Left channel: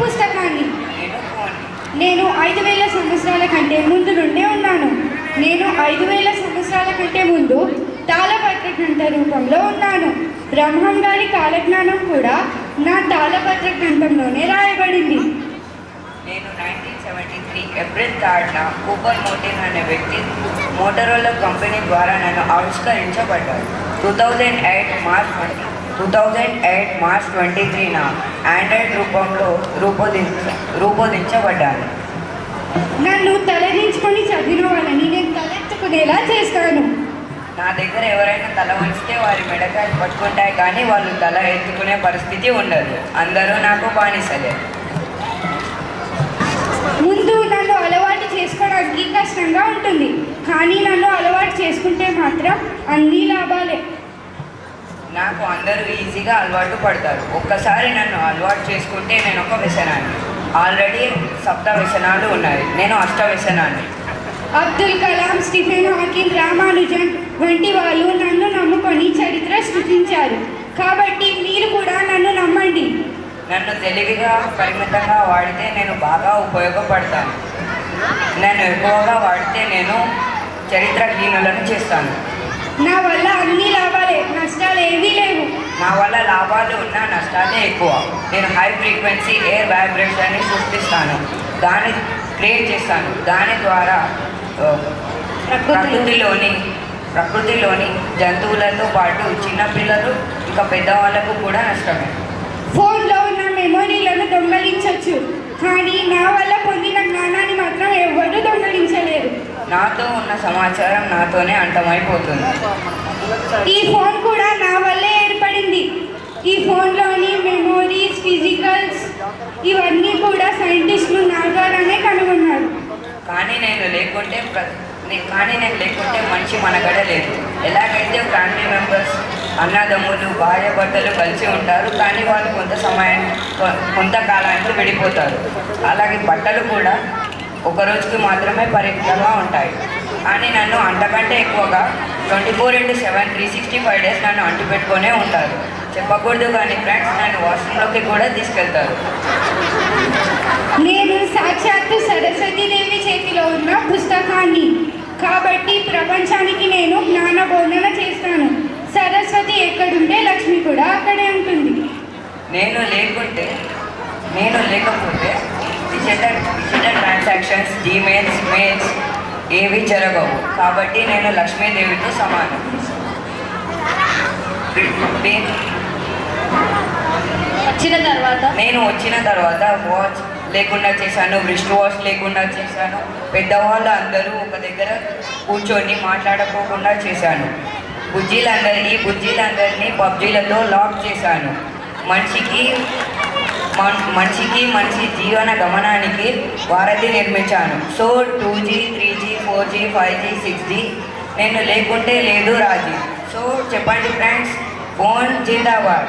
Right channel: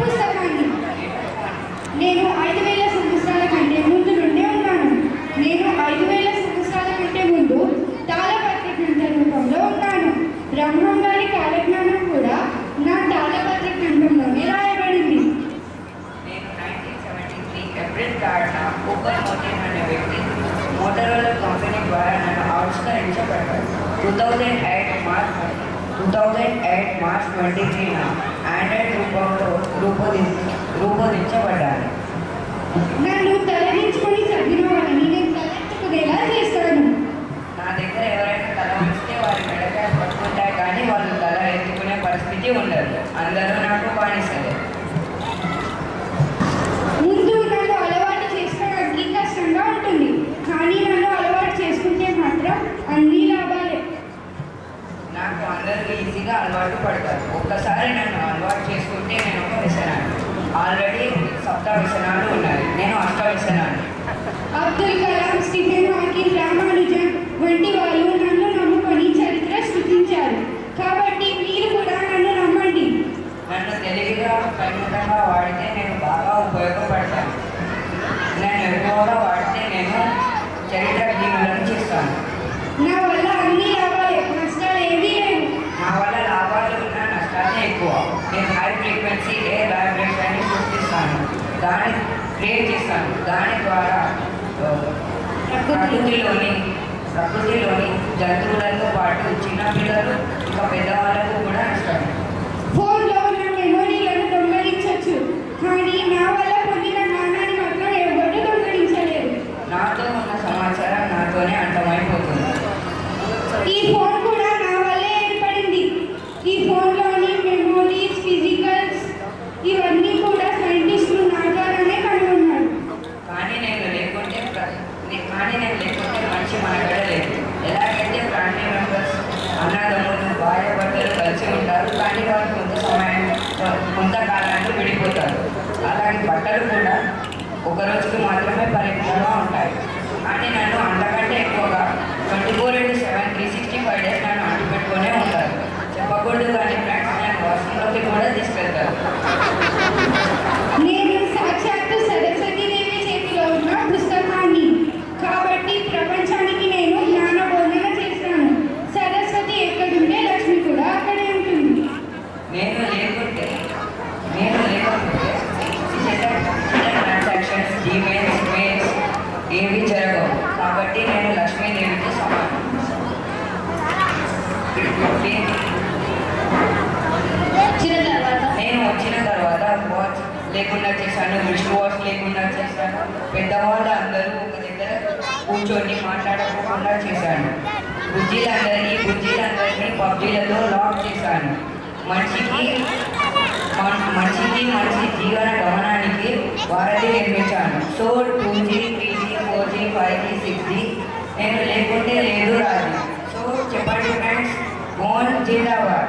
పుస్తకాన్ని. నేను 5000 సంవత్సరాల కంటే ముందు నుండే ఉన్నాను. నేను 5000 సంవత్సరాల కంటే ముందు తాళపత్ర గ్రంథ రూపంలో ఉన్నాను. బ్రహ్మం గారి కాలజ్ఞానం కూడా నా తాళపత్ర గ్రంథంలోనే రాయబడింది. నేను 1973 ఏప్రిల్ 3న కూపర్ మోటిన్ అనే వ్యక్తి మోటరోలా కంపెనీ ద్వారా నన్ను ఆవిష్కరించబడ్డాడు. 2008 మార్చ్ 23న ఆండ్రాయిడ్ రూపంలో రూపొందించబడ్డాను. నన్ను తలదించుకొని చదివిన వాళ్ళని నేను తలెత్తుకునేలా చేస్తాను. నా దగ్గర ఎవరైనా తల వంచితే వారి మెడకాయలు పట్టుకుంటాయి, కానీ వాళ్ళు తల ఎత్తుకునే పరిస్థితి ఉండదు. అందరూ నాకు బానిసలే. ముందు నన్ను అలవాటు చేసుకోవడానికి కష్టంగా ఉంటుంది, కానీ నన్ను అలవాటు చేసుకుంటే మాత్రం అన్ని లాభాలే. నాకు అందరూ ఈజీగా అలవాటు పడతారు. ఒక్కసారి నన్ను అలవాటు చేసుకుంటే నేను ఒక వ్యసనాన్ని. ఆల్రెడీ 7 వ్యసనాలు ఉన్నాయి, నేను 8వ వ్యసనాన్ని. అబ్దుల్ కలాం, స్టీఫెన్ హాకింగ్, రామానుజన్ వంటి వాళ్ళు నన్ను నమ్ముకొని చరిత్ర సృష్టించారు. కాబట్టి మీరు కూడా నన్ను నమ్మండి. నన్ను తెలివిగా పరిమితంగా వాడితే నేను బాగా ఉపయోగపడతాను. నన్ను ఎక్కువగా వాడితే నేను చరిత్రహీనులను చేస్తాను. నా వల్ల అన్ని లాభాలే, నష్టాలు ఏవీ లేవు. నా వల్ల లాభాలు ఉన్నా నష్టాలే ఎక్కువ. నేను హై ఫ్రీక్వెన్సీ ఎయిర్ వైబ్రేషన్ని సృష్టిస్తాను, దాన్ని క్రియేట్ చేస్తాను. దాని ద్వారా ప్రకృతిలోని జంతువులతో పాటు చిన్నపిల్లలు ఇంకా పెద్దవాళ్ళకు కూడా నష్టమే. ఫోన్లో ఉన్న మెమొరీలను దొంగలించవచ్చు, కానీ నా వల్ల పొందిన జ్ఞానాన్ని మాత్రం ఎవరు దొంగలించలేరు. నాతో ఉన్న సమాచారం నాతోనే అంతమైపోతుంది. ఈ ఫోన్ కూడా నా వల్లే ఏర్పడింది. ఈ ఫోన్లోని మెమోరీస్, ఫిజికల్స్ ఇవన్నీ కూడా సైంటిస్టులు నా ద్వారానే కనుగొన్నారు. కానీ నేను లేకుంటే మనిషి మనగడ లేదు. ఎలాగైతే ఫ్యామిలీ మెంబర్స్, అన్నదమ్ములు, భార్య భర్తలు కలిసి ఉంటారు, కానీ వాళ్ళు కొంతకాలానికి విడిపోతారు. అలాగే బట్టలు కూడా ఒక రోజుకి మాత్రమే పరిమితంగా ఉంటాయి. కానీ నన్ను అంతకంటే ఎక్కువగా 24/7 365 డేస్ నన్ను అంటు పెట్టుకునే ఉంటారు. చెప్పకూడదు కానీ ఫ్రెండ్స్, నన్ను వాష్రూమ్లోకి కూడా తీసుకెళ్తారు. నేను సాక్షాత్తు సరస్వతీదేవి చేతిలో ఉన్న పుస్తకాన్ని, కాబట్టి ప్రపంచానికి నేను జ్ఞాన బోధన చేస్తాను. సరస్వతి ఎక్కడుంటే లక్ష్మి కూడా అక్కడే ఉంటుంది. నేను లేకపోతే డిజిటల్ ట్రాన్సాక్షన్స్, జీమెయిల్స్, మెయిల్స్ ఏవి జరగవు. కాబట్టి నేను లక్ష్మీదేవితో సమానం. నేను వచ్చిన తర్వాత వాచ్ లేకుండా చేశాను, రిస్ట్ వాచ్ లేకుండా చేశాను. పెద్దవాళ్ళు అందరూ ఒక దగ్గర కూర్చొని మాట్లాడుకోకుండా చేశాను. బుజ్జీలందరినీ పబ్జీలతో లాక్ చేశాను. మనిషి జీవన గమనానికి వారధి నిర్మించాను. So 2G, 3G, 4G, 5G, 6G నేను లేకుంటే లేదు రాజీ. సో చెప్పండి ఫ్రెండ్స్, ఫోన్ జిందాబాద్.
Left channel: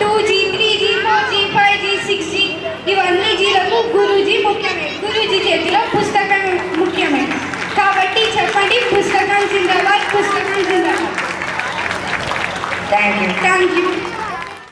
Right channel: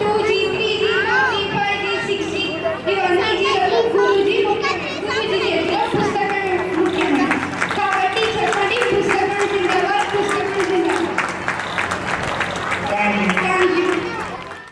2G, 3G, 4G, 5G, 6G ఇవన్నీ జీలకు గురూజీ ముఖ్యమే. గురూజీ చేతిలో పుస్తకం ముఖ్యమే. కాబట్టి చెప్పండి, పుస్తకం జిందాబాద్, పుస్తకం జిందాబాద్. Thank you.